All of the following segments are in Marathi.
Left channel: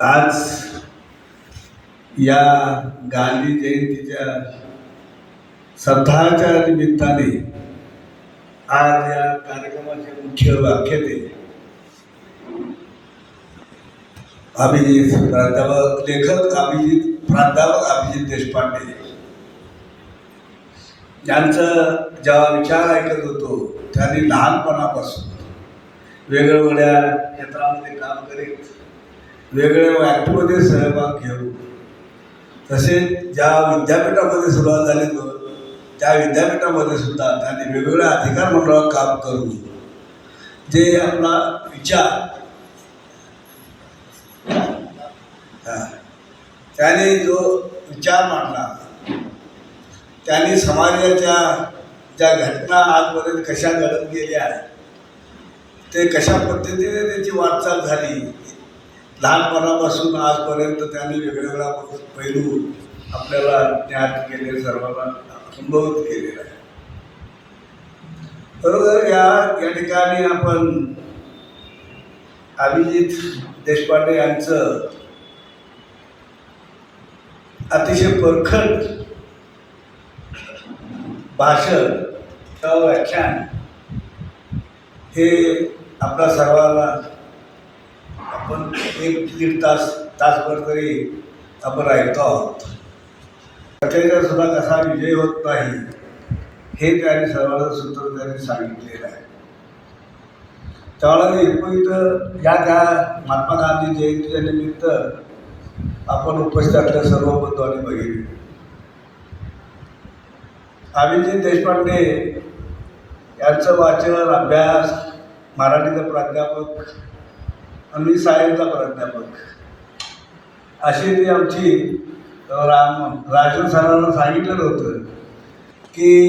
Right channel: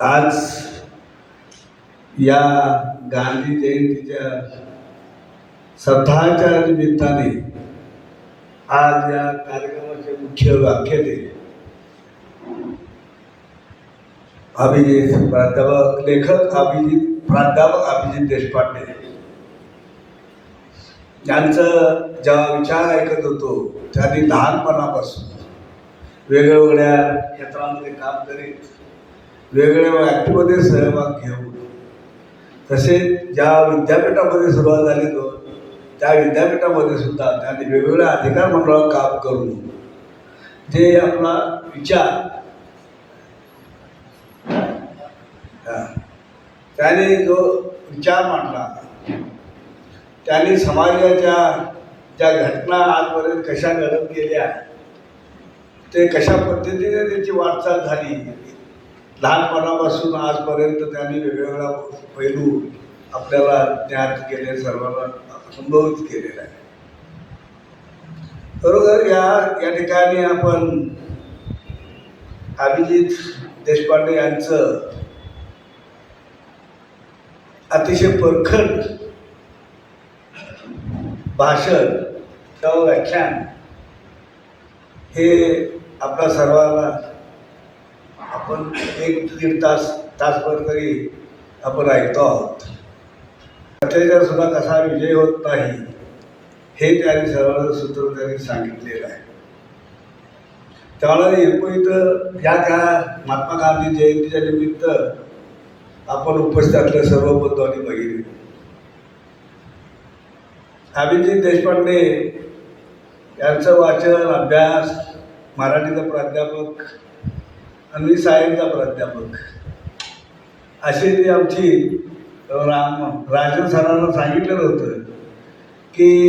आज या गांधी जयंतीच्या सप्ताहाच्या निमित्ताने आज या कार्यक्रमाचे मुख्य व्याख्याते अभिजित प्राध्यापक लेखक अभिजित प्राध्यापक अभिजित देशपांडे. ज्यांचं जेव्हा विचार ऐकत होतो त्यांनी लहानपणापासून वेगवेगळ्या क्षेत्रामध्ये काम करीत वेगवेगळ्या ॲक्टमध्ये सहभाग घेऊन तसेच ज्या विद्यापीठामध्ये सुरुवात झाली तो त्या विद्यापीठामध्ये सुद्धा त्यांनी वेगवेगळ्या अधिकार मंडळात काम करून जे आपला विचार. त्याने जो विचार मांडला त्यांनी समाजाच्या ज्या घटना आजपर्यंत कशा घडत गेल्या ते कशा पद्धतीने त्याची वाटचाल झाली लहानपणापासून आजपर्यंत त्यांनी वेगवेगळा पैलू आपल्याला ज्ञात केले सर्वांना संभवित केलेला आहे. बरोबर या या ठिकाणी आपण अभिजित देशपांडे यांचं अतिशय परखड भाषण किंवा व्याख्यान हे आपल्या सर्वांना आपण एक दीड तास तासभर तरी आपण ऐकतो आहोत. सत्याचा सुद्धा कसा विजय होत नाही हे त्यांनी सर्वांना सूत्र त्यांनी सांगितलेलं आहे. त्यावेळेला एकूण या त्या महात्मा गांधी जयंतीच्या निमित्त आपण उपस्थित असलेल्या सर्व बंधूंनी बघितले. अभिजित देशपांडे यांचं वाचन अभ्यास मराठीचं प्राध्यापक मी सायन्सचा प्राध्यापक. अशी ती आमची राम राजन सरांना सांगितलेलं होतं की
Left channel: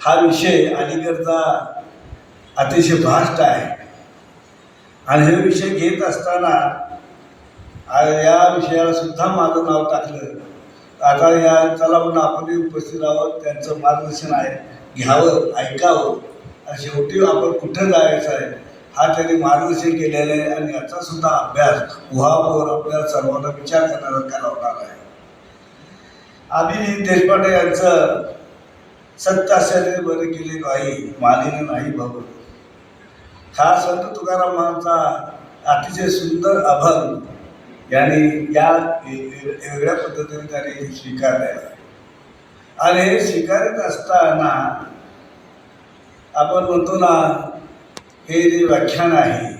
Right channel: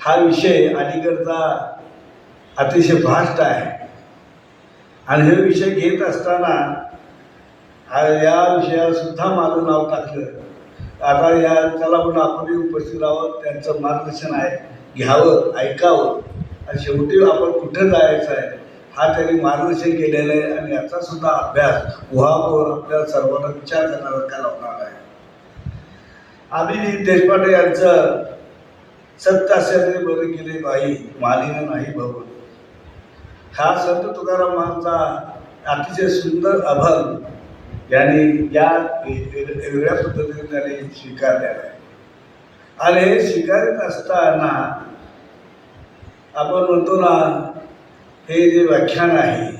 हा विषय अलीकडचा अतिशय फास्ट आहे. आणि हे विषय घेत असताना या विषयाला सुद्धा माझं नाव टाकलं. आता या चला म्हणून आपणही उपस्थित आहोत त्यांचं मार्गदर्शन आहे. घ्यावं ऐकावं. आणि शेवटी आपण कुठं जायचं आहे? हा त्यांनी मार्गदर्शन केलेलं आहे आणि याचा सुद्धा अभ्यास उहावर आपल्या सर्वांना विचार करणारा लावणार आहे? अभिजित देशपांडे यांचं सत्य असल्याने बरे केले काही मालिन नाही भवन हा संत तुकारामांचा अतिशय सुंदर अभंग यांनी या वेगळ्या पद्धतीने त्यांनी स्वीकारलेला आहे. आणि हे स्वीकारत असताना आपण म्हणतो ना हे जे व्याख्यान आहे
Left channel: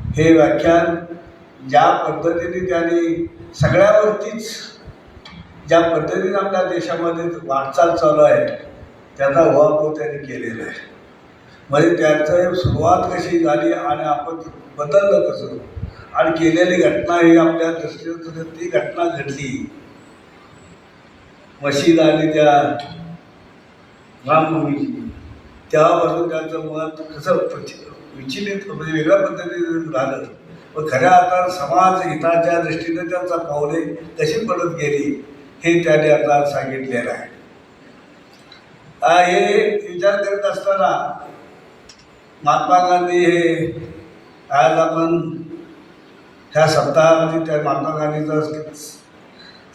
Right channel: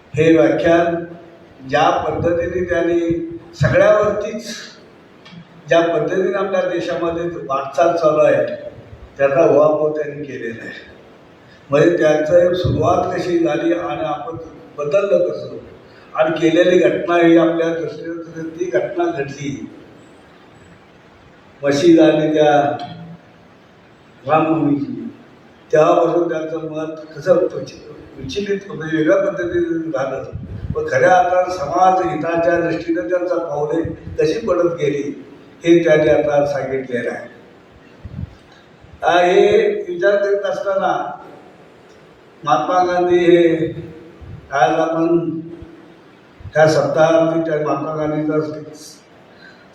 हे व्याख्यान ज्या पद्धतीने त्यांनी सगळ्यावरतीच ज्या पद्धतीने आपल्या देशामध्ये वाटचाल चालू आहे त्याचा उहापोह त्यांनी केलेला आहे. म्हणजे त्याचं सुरुवात कशी झाली आणि आपण बदललं कसं? आणि केलेली घटना ही आपल्या दृष्टीने ती घटना घडली. मशीद आणि त्या रामभूमीची तेव्हापासून त्यांचं मत कसं विचलित म्हणजे वेगळ्या पद्धतीने झालं. पण खऱ्या आता समाज हिताच्या दृष्टीने त्यांचा पावले कशी पडत गेली हे त्याने आता सांगितलेलं आहे. हे विचार करत असताना महात्मा गांधी हे आज आपण ह्या सप्ताहामध्ये त्या महात्मा गांधीचा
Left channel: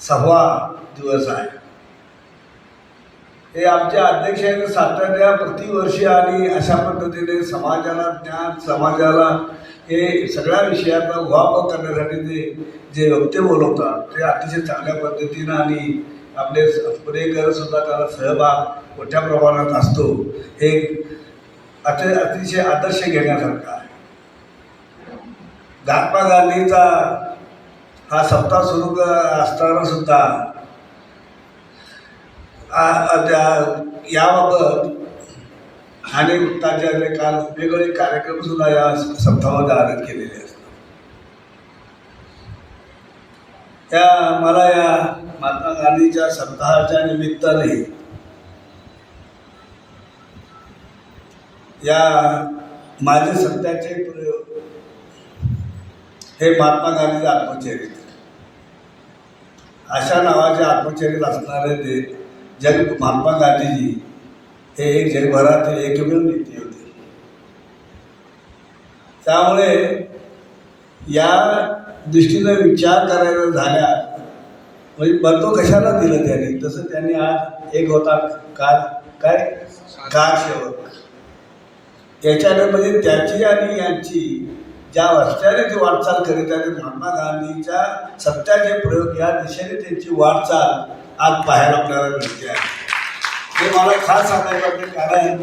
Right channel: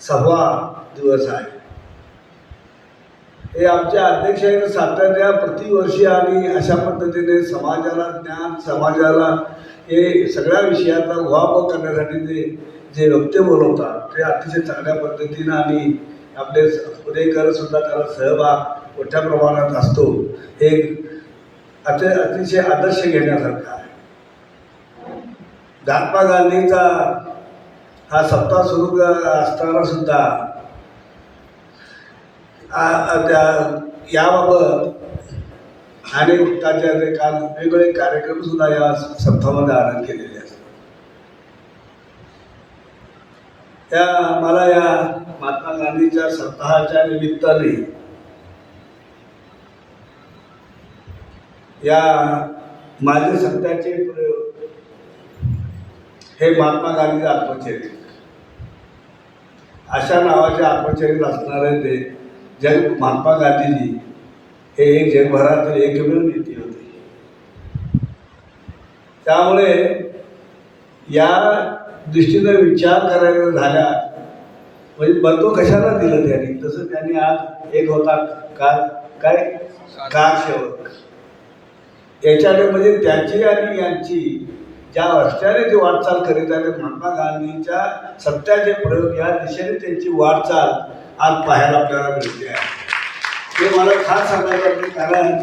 सहावा दिवस आहे. हे आमचे अध्यक्ष सातत्या प्रतिवर्षी आणि अशा पद्धतीने समाजाला ज्ञान समाजाला हे सगळ्या विषयाचा उहापोह करण्यासाठी ते जे वक्ते बोलवतात ते अतिशय चांगल्या पद्धतीनं आणि आपले स- पुणेकर सुद्धा त्याला सहभाग मोठ्या प्रमाणात असतो. हे अति अतिशय आदर्श घेण्यासारखा आहे. महात्मा गांधीचा हा सप्ताह सुरू असताना सुद्धा याबाबत ठाणे उत्ताचार्य काल वेगवेगळे कार्यक्रम सुद्धा या सप्ताहामध्ये आयोजित केलेले असतात. त्या मला या महात्मा गांधीच्या सप्ताहाच्या निमित्ताने या माझे सत्याचे प्रयोग हे महात्मा गांधीचे आत्मचरित्र. अशा नावाचे आत्मचरित्र असणारे ते जग महात्मा गांधीजी हे एक जगभरातील एकमेव नेते होते. त्यामुळे या दृष्टीनं विचार करायला झाल्या म्हणजे बंदो कशाला दिलं त्यांनी? तसं त्यांनी आज एक होता कार काय? कार सेवक याच्याने म्हणजे त्याची आणि यांची ज्या रस्त्याने ती वाटचाल करीत आहे महात्मा गांधीच्या सत्याचे प्रयोग या दिशेने त्यांची वाटचाल आज पाहायला आपल्याला मिळते आहे. ते मला खास सांगायचं वाटते कारण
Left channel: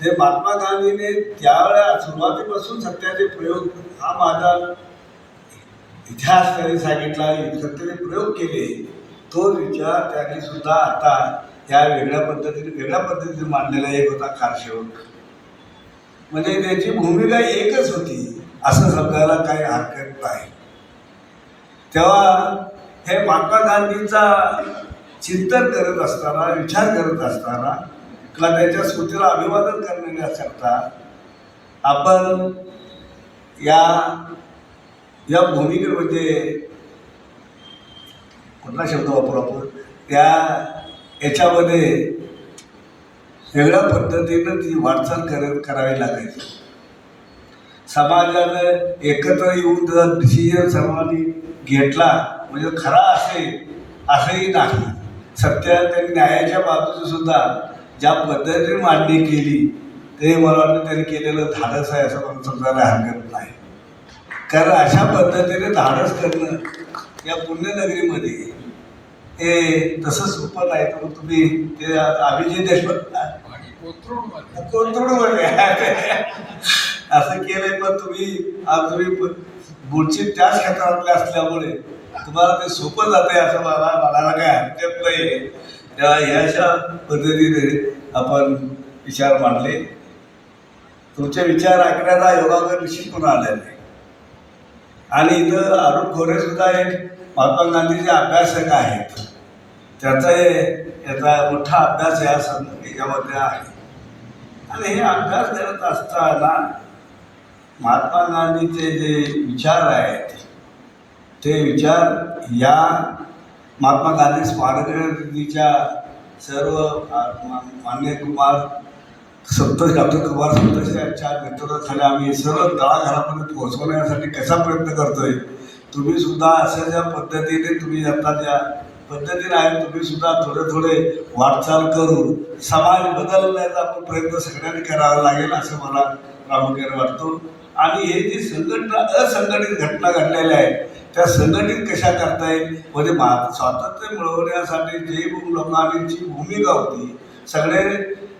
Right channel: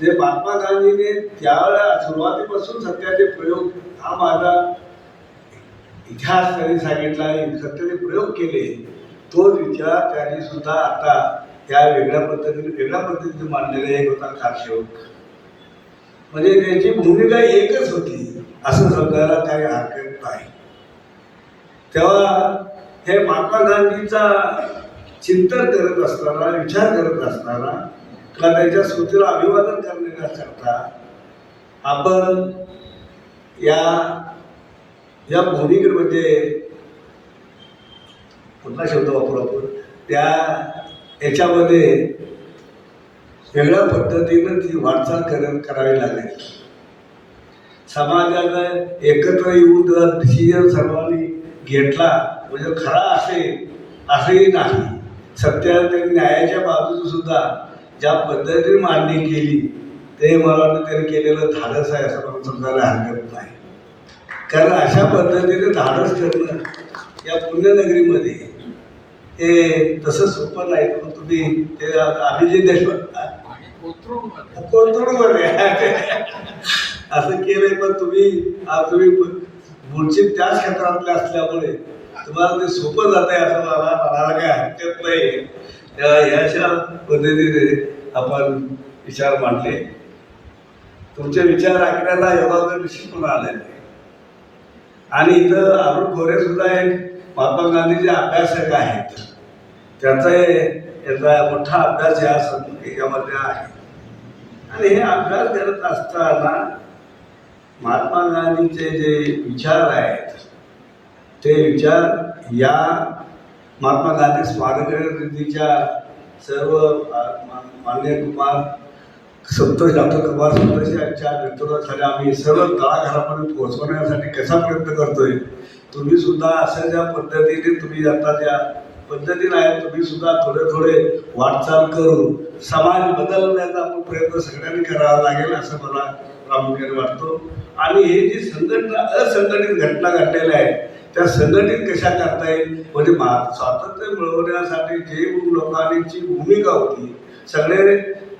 जे महात्मा गांधीने त्यावेळेला सुरुवातीपासून सत्याचे प्रयोग हा माझा इतिहास त्यांनी सांगितला सत्याचे प्रयोग केले तो विचार त्यांनी सुद्धा आता त्या वेगळ्या पद्धतीने वेगळ्या पद्धतीने मांडलेला एक होता कारसेवक म्हणजे त्याची भूमिका एकच होती असं समजायला काही हरकत नाही. तेव्हा हे महात्मा गांधीचा चिंतन करत असताना विचार करत असताना किंवा त्याच्या स्मृतीला अभिवादन करण्याकरता आपण या या भूमिकेत म्हणजे कुठला शब्द वापरू आपण त्या याच्यामध्ये वेगळ्या पद्धतीनं ती वाटचाल करत करावी लागेल समाजानं एकत्र येऊन जर डिसिजन सर्वांनी घेतला म्हणजे खरा असेल असंही नाही. सत्य न्यायाच्या बाजूने सुद्धा ज्या पद्धतीने मांडणी केली ते मला वाटतं त्यांनी केलेलं धाडस आहे असं मला समजायला हरकत नाही. कारण अशा पद्धतीने धाडस करणं या पुण्यनगरीमध्ये हे तसं सोपं नाही. तर तुम्ही ते अभिजित कोथरूडमध्ये. कोथरूडमध्ये. असं केलंय पण तुम्ही आज तुम्ही मूळचे त्याच क्षेत्रातले असल्यामुळे तुम्हाला ते सोपं जाते असं मला म्हणायला काय हरकत नाही. या- ह्या अशा पद्धतीने आपण विचार मांडले. तुमचे विचार ऐकण्याचा योगागर निश्चित करून आले नाही. आणि इथं अरुण खोरे सुद्धा एक महात्मा गांधीचे अभ्यासक आहेत. त्याचा याचा मोठा अभ्यास या सं- आहे. आणि हे अभ्यास करत असताना महात्मा गांधीचे जे विचार आहेत ते विचार या महात्मा गांधी स्मारक निधीच्या सर्व मान्य कुमार सप्तश डॉक्टर कुमार सप्तश यांच्या नेतृत्वाखाली आम्ही सर्व तळाघरापर्यंत पोहोचवण्यासाठी कसा प्रयत्न करतोय तुम्ही सुद्धा अशा ज्या पद्धतीने तुम्ही आता ज्या पद्धतीने आहे तुम्ही सुद्धा थोडे थोडे वाटचाल करून समाज बदलण्याचा आपण प्रयत्न सगळ्यांनी करावा लागेल असं मला प्रामुख्याने वाटतो. आणि हे जी संघटना असंघटित घटना घडलेल्या आहेत त्या संघटित कशा करता येईल? म्हणजे मा स्वातंत्र्य मिळवण्यासाठी जे लोकांची भूमिका होती सगळे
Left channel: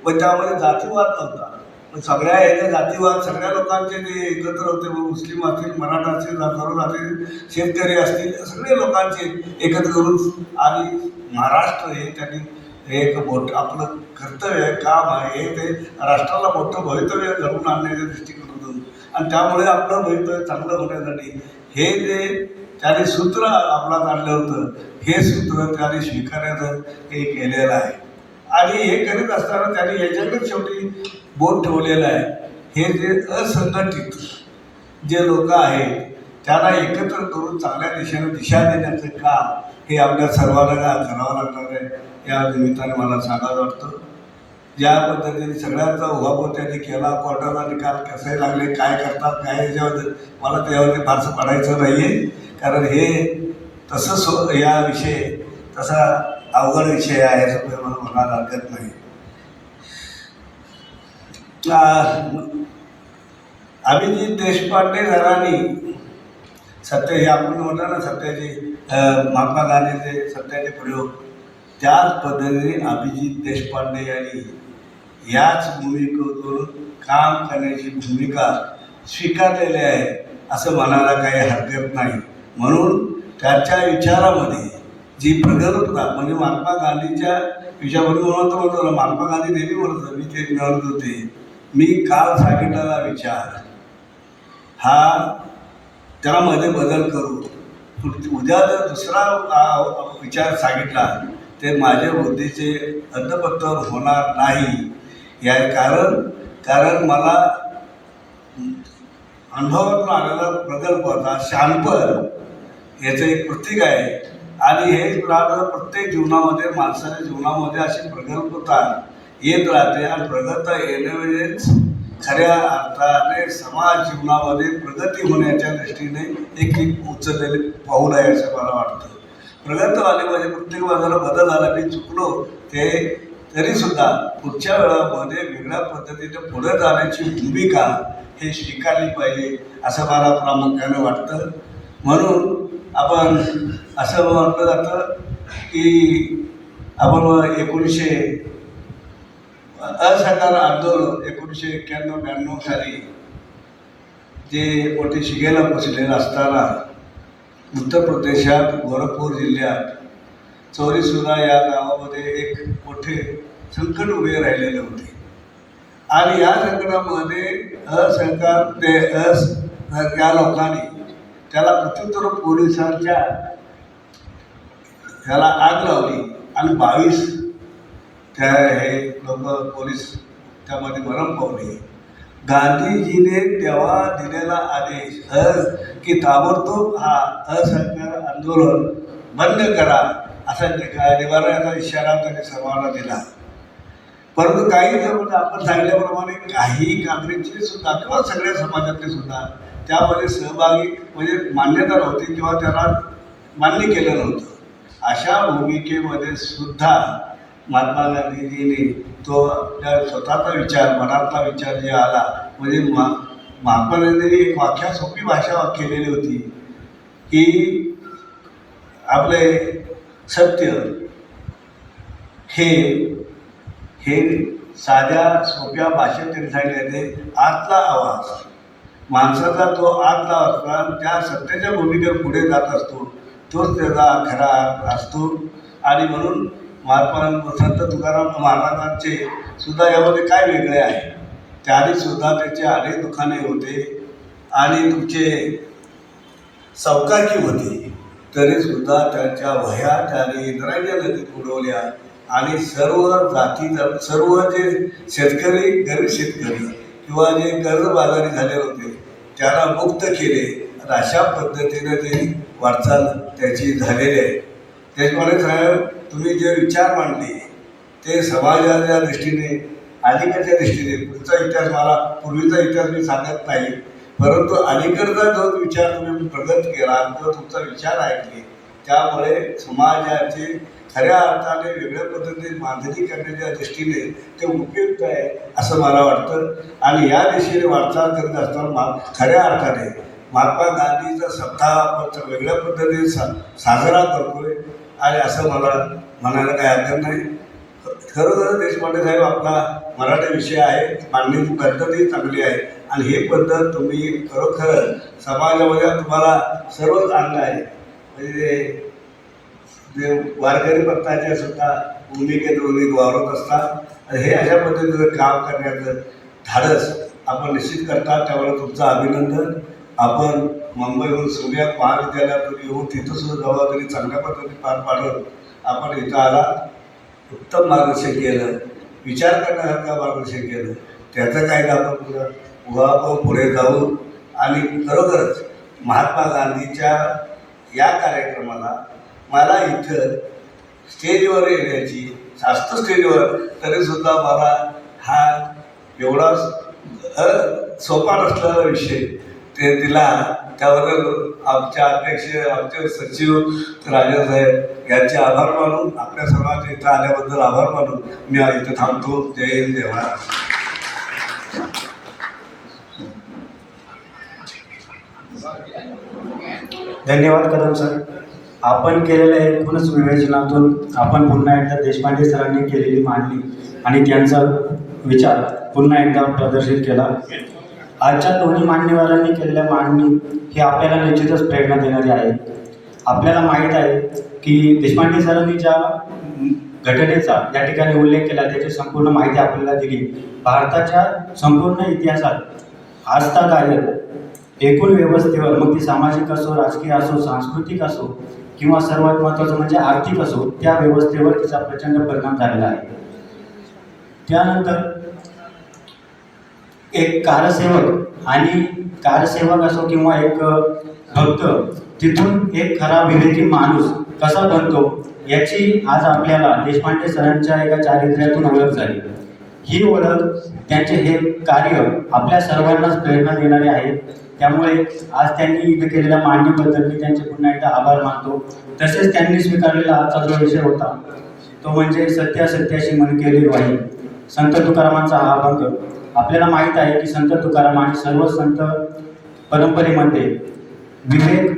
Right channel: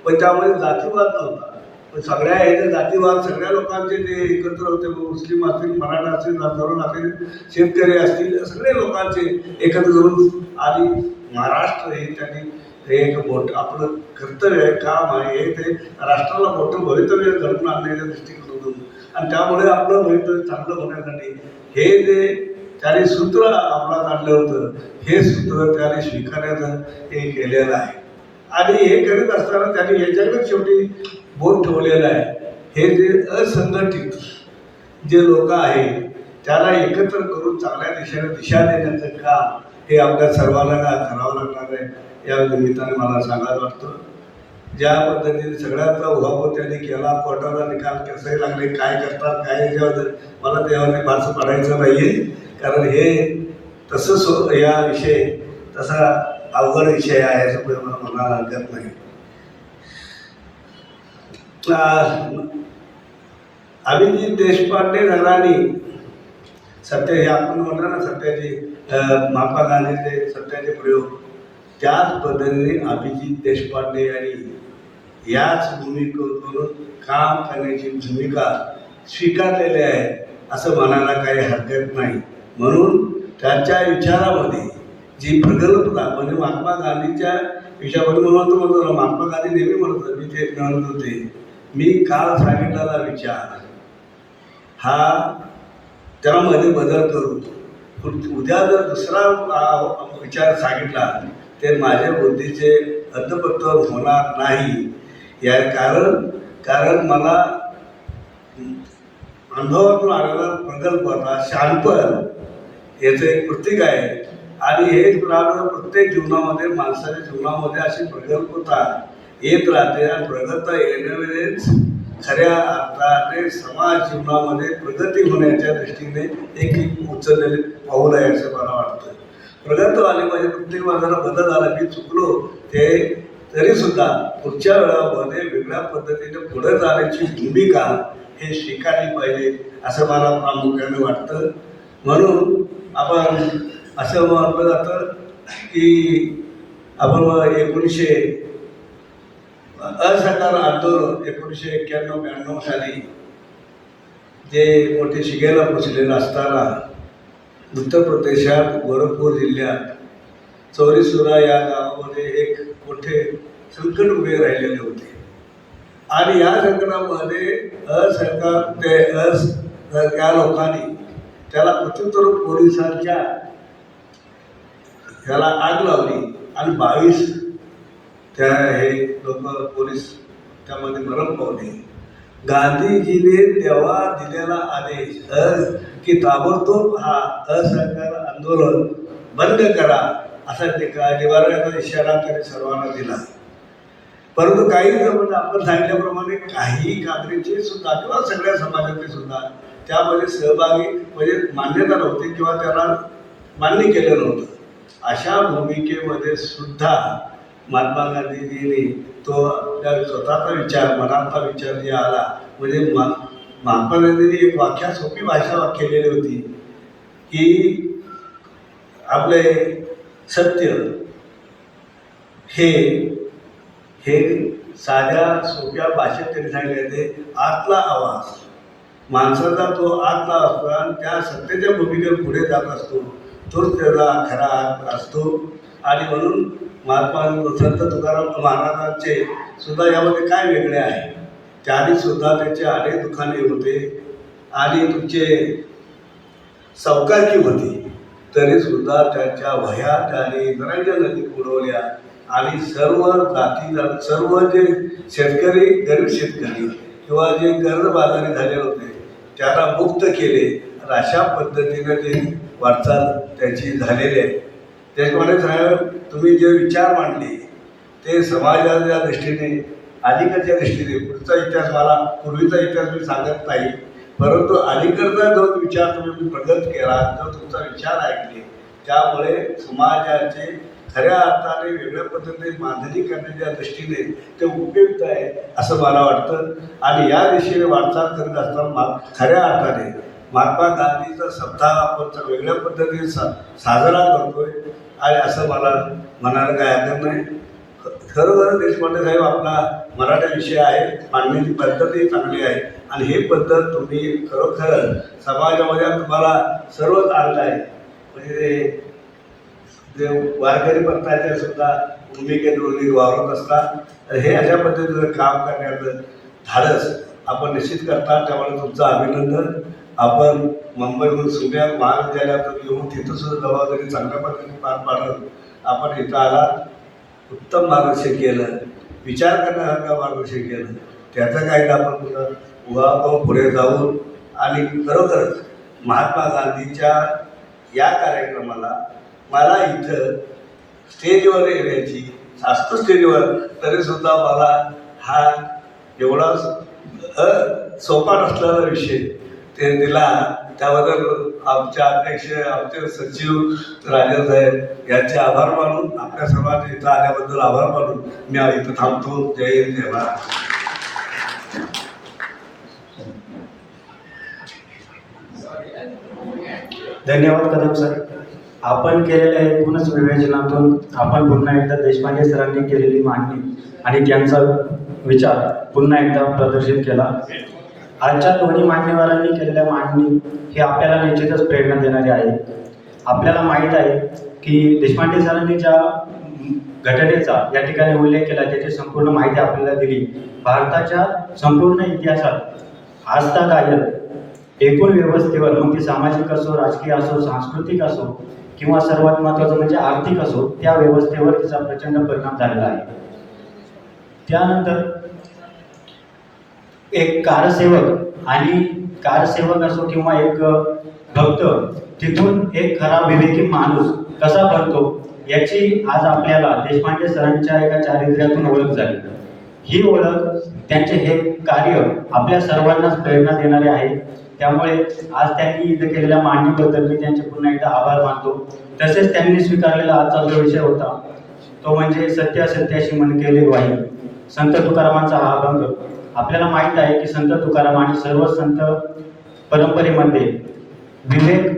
म्हणजे त्यामध्ये जातीवाद नव्हता. पण सगळ्या ह्याचे जातीवाद सगळ्या लोकांचे ते एकत्र होते मग मुस्लिम असतील मराठा असतील तरुण असतील शेतकरी असतील सगळे लोकांचे एकत्र करून आणि महाराष्ट्र हे त्यांनी हे एक मोठं आपलं कर्तव्य आहे काम आहे. हे ते राष्ट्राला मोठं भवितव्य घडवून आणण्याच्या दृष्टिकोनातून. आणि त्यामुळे आपलं भवितव्य चांगलं होण्यासाठी हे जे त्याने सूत्र अंमलात आणलं होतं हे सूत्र त्याने स्वीकारण्याचं हे केलेलं आहे. आणि हे करत असताना त्यांनी याच्याकडे शेवटी बोट ठेवलेलं आहे. हे जे असंघटित जे लोक आहेत त्याला एकत्र करून चांगल्या दिशेने दिशा देण्याचं काम हे आपल्या सर्वांना करावं लागणार आहे. या निमित्ताने मला सांगायला वाटतं. ज्या पद्धतीने सगळ्याचा उहापोह त्यांनी केला कोर्टाचा निकाल कसे लागले काय करतात काय याच्याबद्दल मला त्यामध्ये फारसं पडायचं नाही आहे कारण हे तसं सो या विषय तसा अवघड विषय आहे असं मला म्हणायला हरकत नाही. अभिजित देशपांडे घराणी सत्य हे आपण म्हटलं ना सत्याचे महात्मा गांधीचे सत्याचे प्रयोग. त्याच पद्धतीने अभिजित देशपांडे यांनी याच भूमिकेतून काम करण्याची भूमिका स्वीकारलेली आहे असं म्हणायला काही हरकत नाही. म्हणून त्यांच्या विचारामध्ये जी प्रगल्भता म्हणजे महात्मा गांधीच्या विषयाबद्दल म्हणून तो म्हणतो महात्मा गांधी नेहमी म्हणत होते, मी ते म्हणत होते. मी काल सांगितलेला विचार. हा त्यामध्ये बदल करू. उद्या जर दुसरा विचार सांगितला ते माझ्या बुद्धीचे अद्दपत्तर होणार नाही. या कारण कारण मला अनुभवातून आलेला प्रकल्प होता शानपण. याचं एक प्रतीक आहे. आणि हे राहणं प्रत्येक जीवनामध्ये माणसाच्या जीवनामध्ये अशी प्रगल्भता येत राहते आणि प्रगत येण्यावेळेस खऱ्या अर्थाने समाज जीवनामध्ये प्रगती होण्याच्या दृष्टीने एक एक उचललेले पाऊल आहे असं मला वाटतं. प्रगत आले म्हणजे प्रत्येक माझा बदल आला मी चुकलो ते तरीसुद्धा पुढच्या वेळामध्ये वेगळ्या पद्धतीने पुढे जाण्याची भूमिका हे स्वीकारली पाहिजे असं मला प्रामुख्याने वाटतं. म्हणून आपण असं म्हटलं जातं की आपण एकोणीसशे असहकार आंदोलन एकोणीसशे एक्क्याण्णव ब्याण्णव साली जे मोठे शिगेला पोचलेलं असताना उत्तर प्रदेशात गोरखपूर जिल्ह्यात चौरीसुरा या गावामध्ये एक मोठे संकट उभे राहिलेले होते. आणि या संकटामध्ये असहकार ते अस त्या लोकांनी त्याला प्रत्युत्तर पोलिसांच्या त्याला आग लावली आणि बावीस त्या हे लोक पोलीस त्यामध्ये मरण पावले. गांधीजीने तेव्हा दिलेला आदेश अ की ताबडतोब हा असहकार आंदोलन बंद करा असा निका निवारण्याचा इशारा त्यांनी सर्वांना दिला. परंतु काही जवळ आपण सांगितल्याप्रमाणे काही काँग्रेसचे सुद्धा किंवा सगळ्या समाजातले सुद्धा त्यामध्ये सहभागी म्हणजे मान्यता नव्हती किंवा त्याला मान्य केलं नव्हतं. अशा भूमिकेमध्ये सुद्धा महात्मा गांधीजींनी तो त्या स्वतःचा विचार मनातला विचार जे आला म्हणजे मा महात्मा गांधींनी एक वाख्या सोपी भाषा केलेली होती की आपले सत्य हे हे साध्या सोप्या भाषेत त्यांनी सांगितले आतला आवाज. माणसाचा तो आतला असतो त्या सत्याच्या भूमिकेवर पुढे जात असतो तोच त्याचा खरा असतो. आणि म्हणून महात्मा संत तुकाराम महाराजांचे सुद्धा यामध्ये काय वेगळे आहे? त्याने सुद्धा त्याचे अनेक दुकाने होते आणि तुमचे सावकारकी होती. तरीसुद्धा त्याच्या वह्या त्याने इंद्रायणी नदीत उडवल्या आणि सर्व जाती सर्व जे शेतकरी गरीब शेतकरी किंवा जे कर्जबाजारी झालेले होते त्यांना मुक्त केले. आणि अशा पद्धतीनं ते वाटचाल त्याची झालेली आहे. त्याच्यामुळे साहेब तुम्ही जे विचार मांडले ते समाजाच्या दृष्टीने अलीकडच्या दृष्टीने पुढचा इतिहास मला पूर्वीचा इतिहास मी सांगत नाही. परंतु अलीकडचा जो विचार तुम्ही प्रगत केला जो तुमचा विचार ऐकले त्यामुळे समाजाचे खऱ्या अर्थाने वेगळ्या पद्धतीने बांधणी करण्याच्या दृष्टीने ते उपयुक्त आहे असं मला वाटतं. आणि या दिशेने वाटचाल करत असताना मा खऱ्या अर्थाने महात्मा गांधीचा सप्ताह आपण तर वेगळ्या पद्धतीने सा साजरा करतोय. आणि असं मला म्हणायला काही हरकत नाही. ख- खरोखर देशपांडे साहेब आपला मराठा विषय आहे. मांडण्याची पद्धतही चांगली आहे. आणि हे पद्धत तुम्ही खरोखर समाजामध्ये तुम्हाला सर्वच आणलं आहे. म्हणजे जे वारकरी पंथाच्या सुद्धा भूमिकेत रोगी वावरत असतात. हे अशा पद्धतीचं काम करण्याचं धाडस आपण निश्चित करता त्यामुळे तुमचं अभिनंदन. आपण मुंबईहून सोन्यात महाविद्यालयातून येऊन तिथंसुद्धा जबाबदारी चांगल्या पद्धतीने पार पाडत आपण इथं आला. उत्तम मार्गदर्शन केलं. विचार करण्यासारखं मार्गदर्शन केलं. त्याचं काही आपण पुढं उभा पुढे जाऊन आणि खरोखरच महात्मा गांधीच्या या कार्यक्रमाला मला इथं स्टेजवर येण्याची जास्त स्टेजवर तरीसुद्धा मला हा एवढा सोपा नसलेला विषय ते दिला. त्याबद्दल आमच्या अध्यक्ष आमचे सचिव राजा साहेब यांचे आभार मानून आपल्या सर्वांचे इथं आल्याबद्दल आभार मानून मी इथं थांबतो. जय हिंद जय महाराज धन्यवाद कदम सर. आपण केलेल्या एकूणच विवेचनातून आपण पुन्हा एकदा देशपांडे सरांनी केलेली मांडणी आणि त्यांचा विचार पुन्हा एकदा प्रदर्शित केला. आजच्या दोन्ही मान्यवरांनी केलेल्या मांडणी हे आपल्याला निश्चितच प्रेरणा देणारी आहे. आपल्याला माहीत आहे की देशपांडे सरांनी ज्या घटनेचा या ठिकाणी उल्लेख केला त्याची संपूर्ण माहिती आपल्याला दिली. भारताच्या संपूर्ण इतिहासात आस्थादायक एकूण व्यवस्थेवर मग ती सामाजिक असो राजकीय असो सांस्कृतिक असो किंवा सर्वात महत्त्वाचं म्हणजे आर्थिक असो त्या व्यवस्थेवर तिचा प्रचंड परिणाम झालेला आहे. त्यानंतर एक कारसेवक आणि कारसेवक असो किंवा एक भक्त तिथून एक खरा विवेकी माणूस कसा बनतो याची आज आपल्याला देशपांडे सरांच्या एका चारित्र्यातून ओळख झाली. ही ओळख त्यांचे हे कार्य आपल्या सर्वांनाच प्रेरणा देणारे आहे. त्यामुळे आज त्यांनी इथं केलेल्या मांडणीबद्दल मी त्यांचे पुन्हा एकदा आभार मानतो. तसेच त्यांनी स्वीकारलेला आजचा जो विषय होता तो म्हणजे सत्य सत्याशी मन केले वाही संत तुकारामांचा हा अभंग. आपल्याला माहीत आहे की संत तुकाराम आणि सर्व संत परंपरेमध्ये विवेक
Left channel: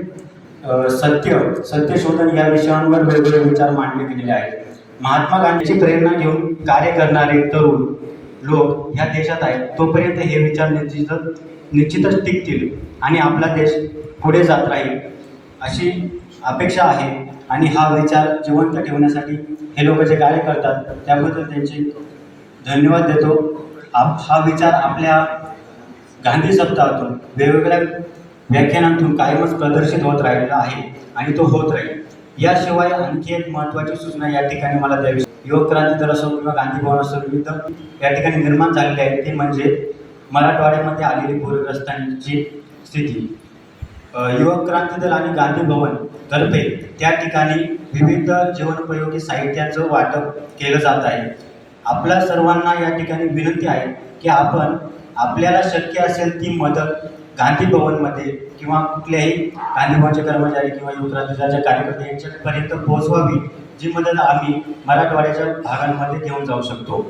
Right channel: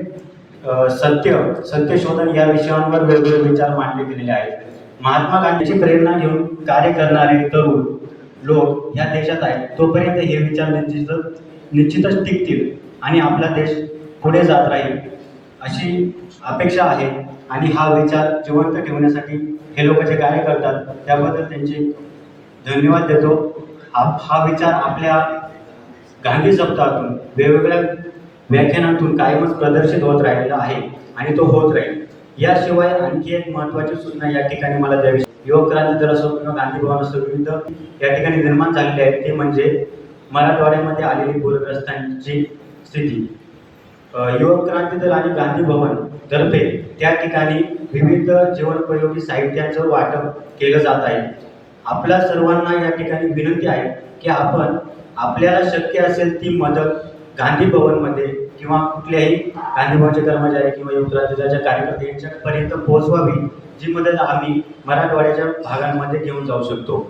सत्य सत्यशोधन या विषयांवर वेगवेगळे विचार मांडले गेलेले आहेत. महात्मा गांधीची प्रेरणा घेऊन कार्य करणारे तरुण लोक ह्या देशात आहेत. तोपर्यंत हे विचार निश्चितच निश्चितच टिकतील आणि आपला देश पुढे जात राहील अशी अपेक्षा आहे. आणि हा विचार जिवंत ठेवण्यासाठी हे लोक जे कार्य करतात त्याबद्दल त्यांचे धन्यवाद देतो. हा हा विचार आपल्या गांधी सप्ताहातून वेगवेगळ्या व्याख्यानांतून कायमच प्रदर्शित होत राहिलेला आहे आणि तो होत राहील. याशिवाय आणखी एक महत्त्वाची सूचना या ठिकाणी मला द्यावी युवक क्रांती दल असो किंवा गांधी भवन असो विविध या ठिकाणी निर्माण झालेले आहेत ते म्हणजे मराठवाड्यामध्ये आलेली पूरग्रस्तांची स्थिती. युवक क्रांती दल आणि गांधी भवन तर्फे त्या ठिकाणी विविध जीवनोपयोगी साहित्याचं वाटप केलं जात आहे. आपल्या सर्वांना या ठिकाणी विनंती आहे की आपण आपल्याला शक्य असेल ती मदत गांधी भवनमध्ये किंवा कुठल्याही गांधी भवनचे कर्मचारी किंवा युवक क्रांती दलाच्या कार्यकर्ते यांच्यापर्यंत पोहोचवावी जी मदत आम्ही मराठवाड्याच्या भागांमध्ये घेऊन जाऊ शकतो.